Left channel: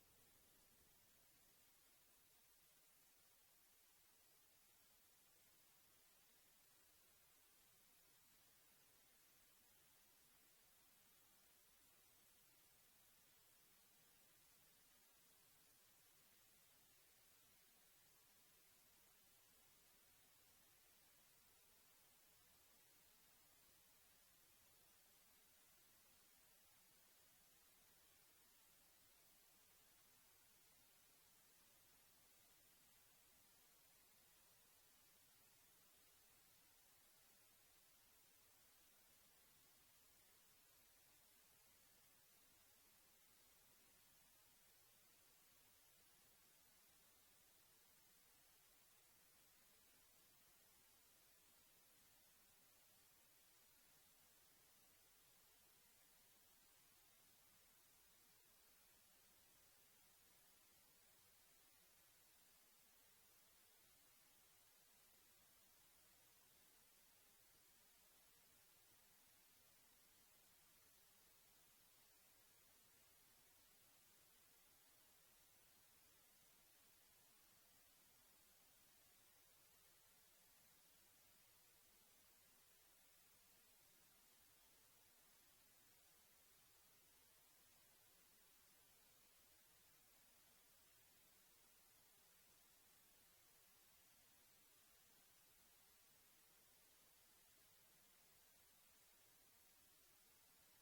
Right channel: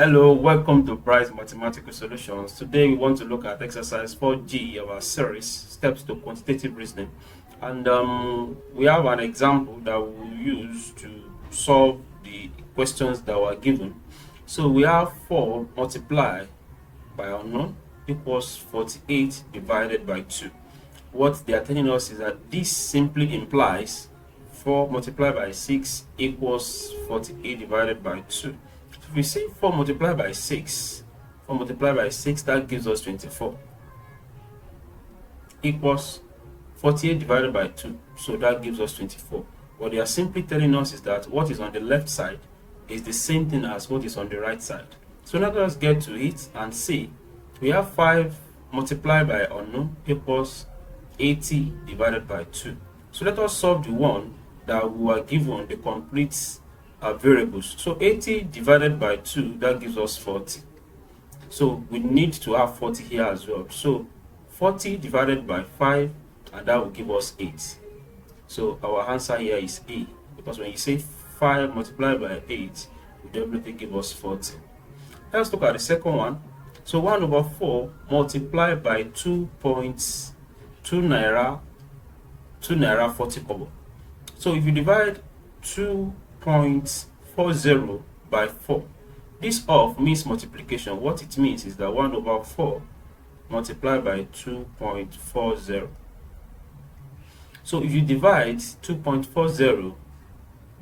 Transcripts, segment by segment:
Hello, welcome to Price Mathematical Solutions. Today we want to look at exercise 4G of our series, Steps to Quantitative Reasoning. And we have an example that we'll use to solve the questions that were given. So we have 4 multiplied by unknown equals 48 divided by 2. What they are telling us is that this simply implies 4 multiplied by 6 equals 48 divided by 2. If we say 4 multiplied by 6, 4 multiplied by 6, that gives us 24, equals 48 divided by 2, so that gives us 24. What they are simply telling us is that what is on the left side is the same thing as what is on the right side. So now let us get to it and see. We have 5 multiplied by unknown equals 80 divided by 2. So let us solve the one that we were given the complete variables. So 80 divided by 2, that gives us 40. So we need to have 40 here as well. So 40 divided by 5, and that will give us 8. So our answer here is A, because when you say 5 multiplied by 8, will definitely give us 40. Let's look at the second one. So 1 over 4 multiplied by 2.2 naira 40 kobo. So if you divide 2.40 by 4, this of means multiplication. What it means is that 1 over 4 multiplied by 2.40. So if you divide 2.40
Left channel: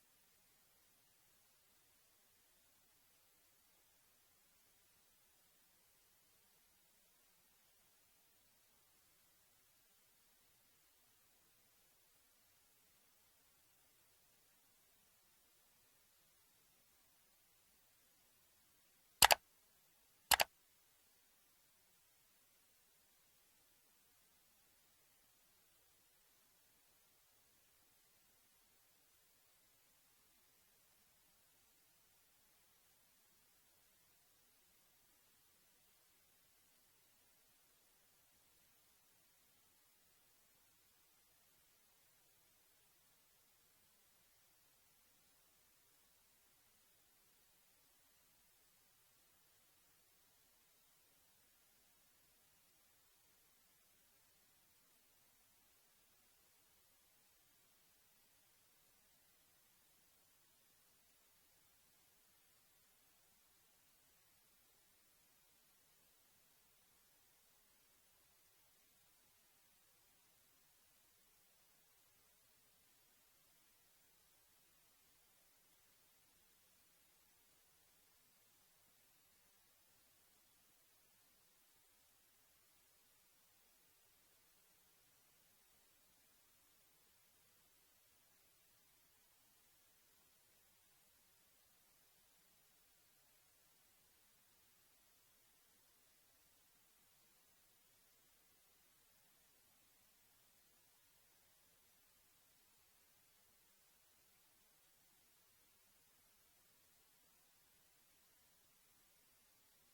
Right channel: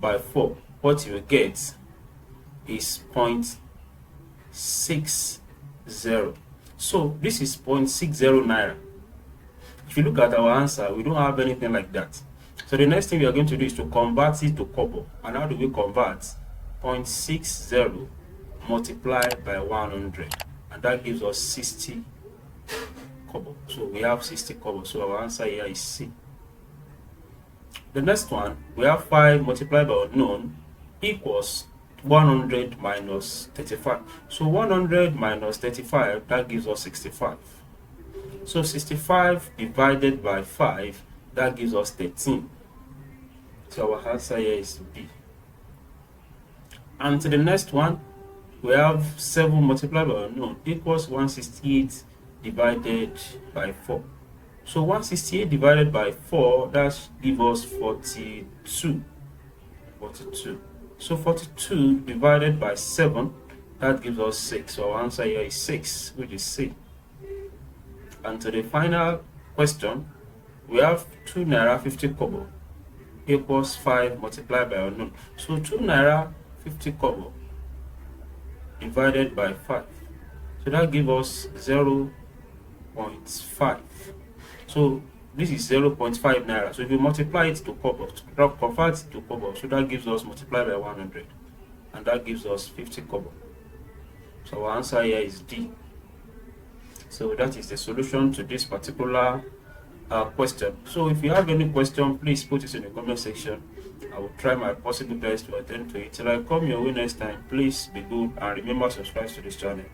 by 4, what you will get is 0.60. So this is 0.60 naira. If you look at our answer, we don't have anything like that. So the next thing we are going to do is to convert it to kobo. And how do we convert? 0.60 multiplied by 100. And that gives us 60 kobo. So we have 60 kobo. So our answer here is C. The next one, we have 5 multiplied by unknown equals 100 minus 35. So 100 minus 35, that gives us 65. So 65 divided by 5, that gives us 13. So our answer here is B. And to the next one, we have 7 multiplied by unknown equals 168 divided by 4. So 168 divided by 4, that gives us 42. 42. So 42 divided by 7, that gives us 6. So our answer here is 6, which is C. And to the final question, we have 2 naira 50 kobo equals 5 multiplied by unknown. So 2 naira 50 kobo divided by 5. So that gives us 0.5. So this is 0.5 naira. So if you multiply it to kobo, convert it to kobo, so that gives us multiplied by 100. And that gives us 50 kobo. So our answer here is D. So that is the solution to this particular question. So if you have any question, please put it in the comment section. I will try my possible best to attend to it. Till I come your way next time, please be good and remember to subscribe to this channel.